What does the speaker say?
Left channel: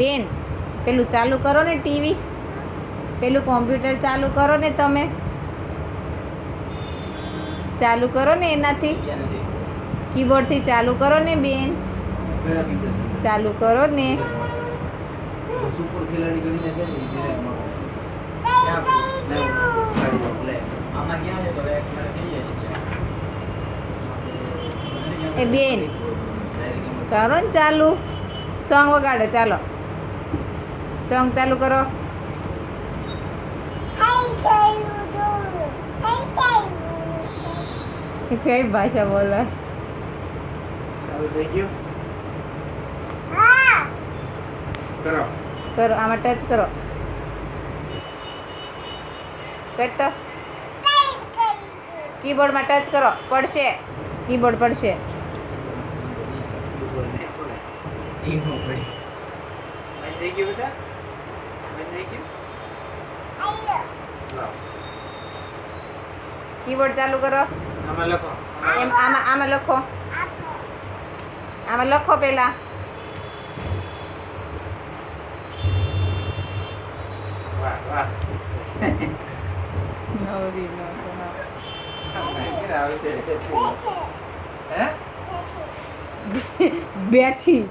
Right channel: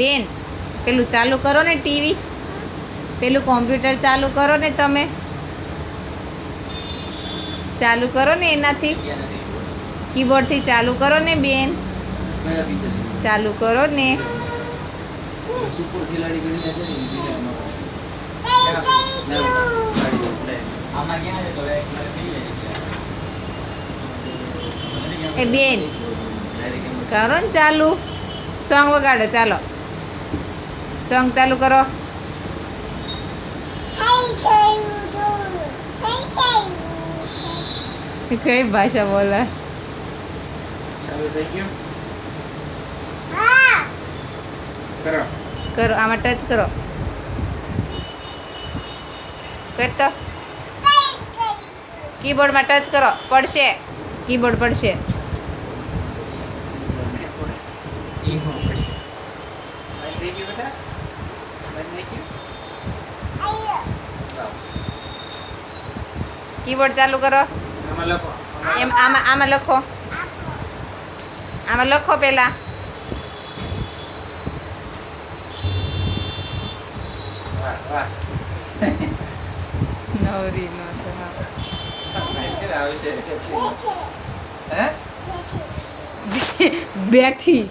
બેન પેલું ચાલુ કરો ને ટીવી, પેલું કોમ્પ્યુટર ચાલુ કરો ને તમે, ચાલુ કરો ને એનાથી, કીબોર્ડથી ચાલુ કરો ને બેન, ચાલુ કરો ને. સુપર ખેલાડી કરીને છે ને ઇન્જિનિયરમાં આમાં ક્યાં છે તો એક મારે થઈ જાય એ બેન કરો ને ચાલુ, સોંગ વગાડો, ચાલો સોંગ ચાલુ કરો. કઈ ભાષા બોલે? ચાલુ થઈ ગયું કરો કરો, આમાં ટચ કરો, કરતો કીબોર્ડમાં ટચ કરો, પડશે, કીબોર્ડ પડશે. થઈ ગયું બેટા થઈ ગયું કીબોર્ડ ચાલુ કરો. આમાં લખો એમ આમાં લખો, આમાં લખો પહેલા. વાહ વાહ નવરી નો આવે છે હે બેઠી